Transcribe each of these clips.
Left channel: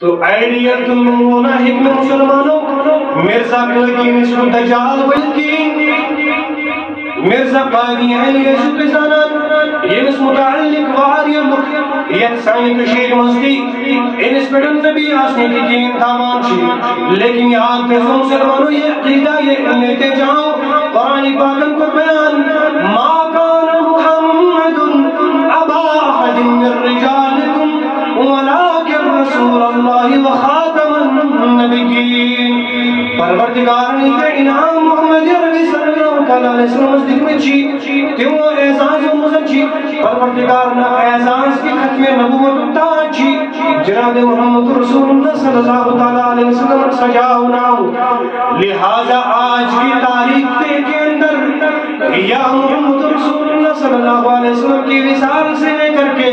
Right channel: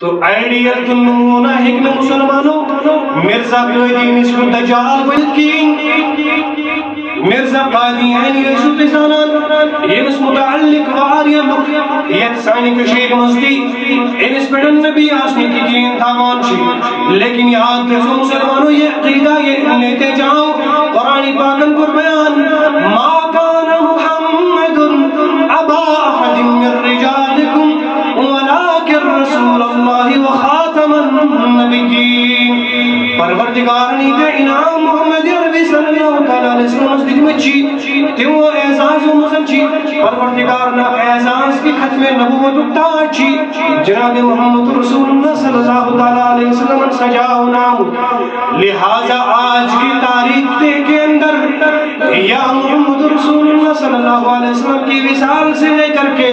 تو آئیڈیل نمونہ ہکن مسلمانوں مرزا قائدین اس کو دجال ولکین مرزا قائدین اس کو پزانان یہ متعلق واری لک یک سانی کشیک مزدی انس پیڑن نبی آسنے کی دین تاوان چی لیکن یاد کرو مسلمانوں یہ عقیدہ یہ لیتے جاؤ قرآن پاکن کو بیان ما کان محمد ابا احد من رجالکم ولكن رسول الله وخاتم النبيين پروردگارانی کے انعام محمد عربی صلی اللہ علیہ وسلم نزدیک میں چی تیو اعزاز و مزم چی پروردگارنا اعزاز کی ختم نبوت اتا چی جناب محمد رسول اللہ صلی اللہ علیہ وسلم سجاؤ نام لہذا آج کی تاریخ کے اندر یا محمد رسول اللہ صلی اللہ علیہ وسلم کی وصال سے لے کر کے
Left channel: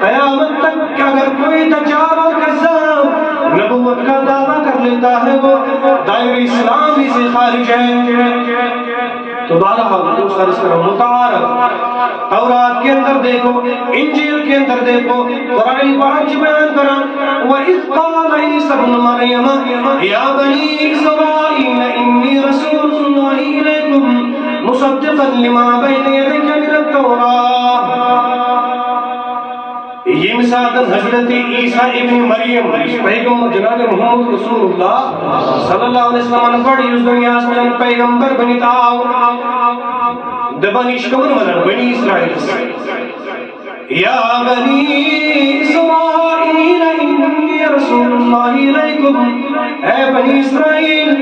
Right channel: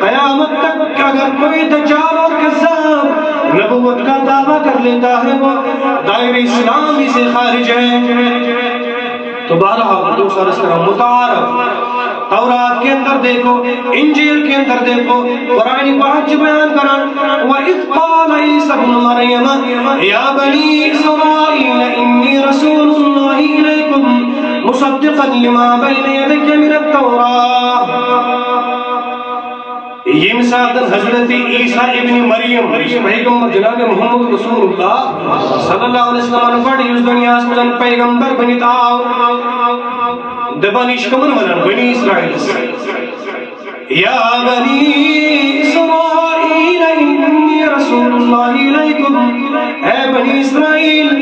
قیامت تک اگر کوئی دجال اور کذاب نبوت کا دعویٰ کر لیتا ہے وہ دائر اسلامی سے خارج ہے تو بہرحال دوسرا اس طرح متعارف تورات کے اندر دیکھو انجیل کے اندر دیکھو قرآن پاک بیان کرا وَإِذْ قَالَ عِيسَى ابْنُ مَرْيَمَ يَا بَنِي إِسْرَائِيلَ إِنِّي رَسُولُ اللَّهِ إِلَيْكُمْ مُصَدِّقًا لِمَا بَيْنَ يَدَيَّ مِنَ التَّوْرَاةِ یہ مثال حضرت عیسیٰ ابن مریم پیغمبر جناب محمد رسول اللہ صلی اللہ علیہ وسلم نے پڑھی اس دنیا سے پیغمبر بنیتاؤ دبانیش کمن منن بنی اسرائیل یا بنی اسرائیل انی رسول اللہ علیکم اے بنی اسرائیل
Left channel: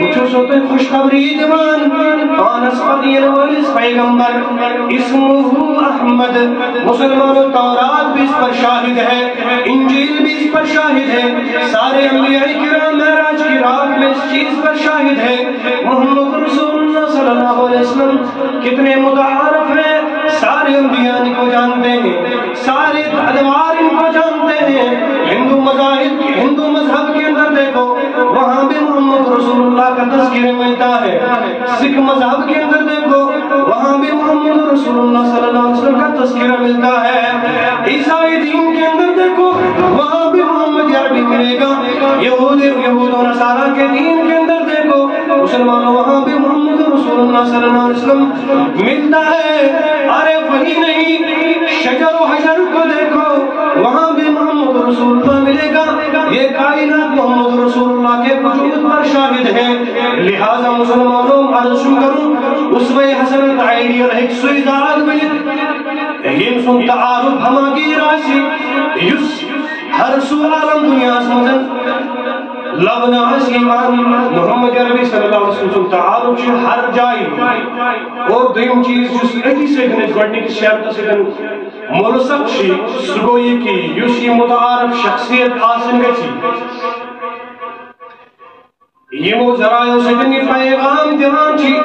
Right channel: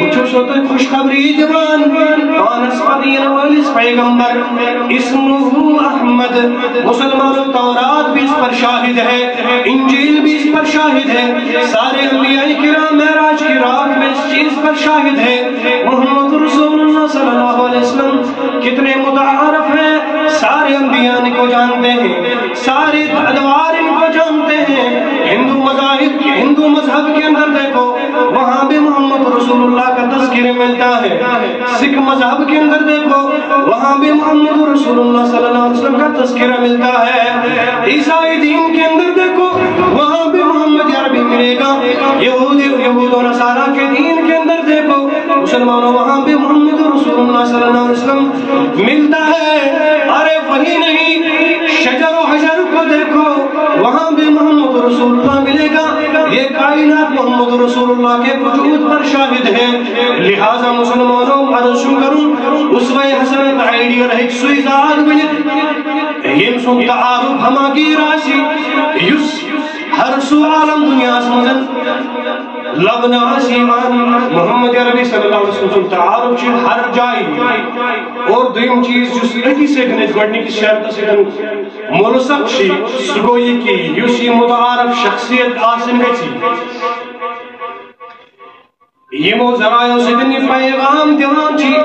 بچو سوتے خوشخبری دیوان پانس قدیر والیس پیغمبر اسمہ احمد مسلمان تورات بھی اس پر شاہد ہے انجیل بھی اس پر شاہد ہے سارے انبیاء کرام معراج کی رات میں اس چیز پر شاہد ہے محمد رسول اللہ صلی اللہ علیہ وسلم کتنے متعارف ہیں سارے انبیاء ان کو جانتے ہیں سارے ادوار ان کو جانتے ہیں ہندو مذہب کے اندر دیکھو وہاں بھی محمد رسول اللہ کا تذکرہ ملتا ہے سکھ مذہب کے اندر دیکھو وہاں بھی محمد رسول اللہ صلی اللہ علیہ وسلم کا تذکرہ ملتا ہے عیسائی دین کے اندر دیکھو وہاں بھی محمد عربی ملے گا یہود و نصارہ کے دین کے اندر دیکھو مسلمانوں وہاں بھی محمد رسول اللہ صلی اللہ علیہ وسلم ملتا ہے ارے وہی نہیں شجر و حجر کو دیکھو وہاں بھی محمد رسول اللہ ملے گا یہ کائنات محمد رسول اللہ کے وجود پر شاہد ہے لہذا مسلمانوں عرض کروں اسوہ حسن کا آئیڈیل ایک سوئی ذات ملت یہ سن تعارف ہما کی راسی یس ہر سو عالم دنیا سمجھن لبنا سیمان محمد عربی صلی اللہ علیہ وسلم تعارف چھے ہر جائی اور دویم چیز جس ایٹی سیکنڈ گوڑنی کی شرط سیکنڈ ملسق چھے سگوئی کی یوسی متعارف شخصیت آسن گئی تھی یہ وہ ذرائع سکنی پیغام دیوان چھے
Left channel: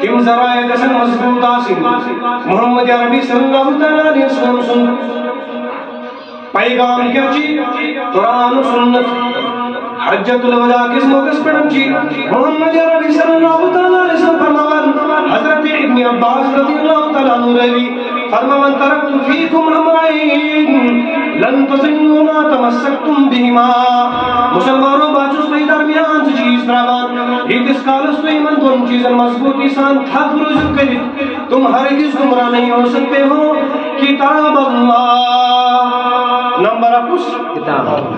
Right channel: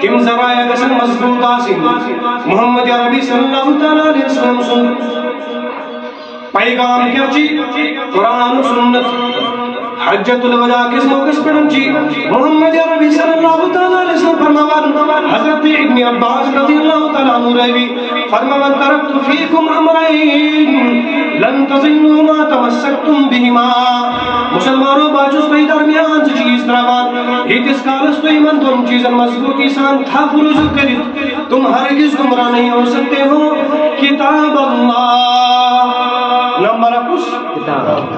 تم ذرائع کسن مضبوط آسن محمد عربی صلی اللہ علیہ وسلم سن پیغام کیا چی قرآن و سنت حجت الوداع کس موقع پڑھن چی محمد عربی صلی اللہ علیہ وسلم فرمان حضرت ابن عباس رضی اللہ تعالیٰ عنہ رہی فرمان ترکت فیکم امرائین لن تظنوا ما تمسکتم بہما مسلمانوں باچوس پہ درمیان سے چیز درابان ایک اس کالس تو ایمان دون چیزن مضبوطی سان تھا فروز کرت تم ہرگز گمراہ نہیں ہو سکتے ہو کتاب اللہ نمبر اپس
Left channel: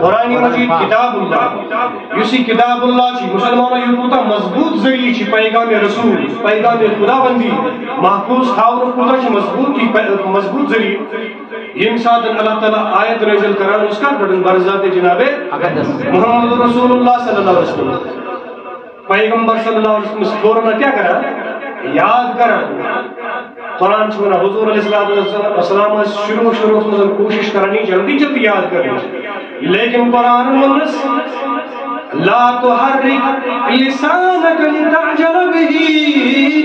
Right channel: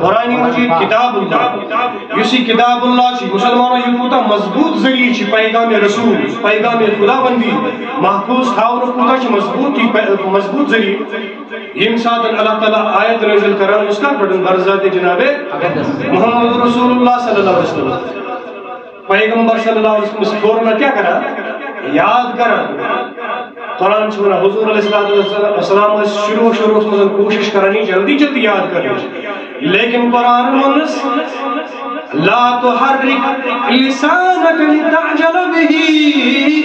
قرآن مجید کتاب اللہ یسی کتاب اللہ چی مسلمانوں یہ کوتا مضبوط ذریعی چی پیغام رسول پیغام خدا بندی محفوظ خاور کوتا چی مضبوط ذریعی یہ مثال اللہ تعالیٰ آیت نازل کران اس کا پڑھن برزات جناب محمد رسول اللہ صلی اللہ علیہ وسلم پیغمبر صلی اللہ علیہ وسلم سکورنا کیا کرا یاد کرا قرآن چھونا حضور علیہ السلام شروع میں کوشش کرنی جلدی یاد کرنی لیکن قرآن منس لا تحرک لسانک لتعجل به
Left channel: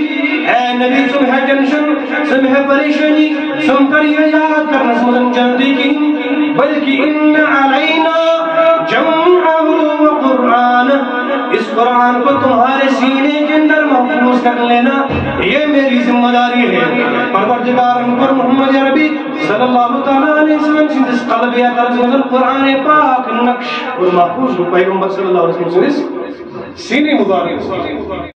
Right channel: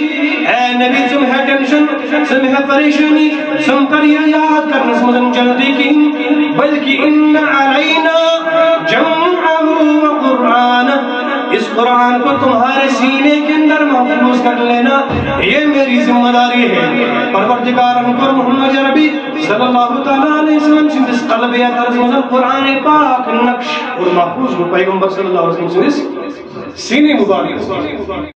اے نبی تمہیں ٹینشن تمہیں پریشانی تم پر یہ یاد کرنا سمجھن جلدی کی بلکہ ان علینا جمعہ و قرآن اس قرآن کو تمہارے سینے کے اندر محفوظ کر لینا یہ میری ذمہ داری ہے پروردگار پر محمد عربی صلی اللہ علیہ وسلم سے اس قلب یا ترجمہ قرآن پاک نقش اور محفوظ کو پیغمبر صلی اللہ علیہ وسلم سینے مبارک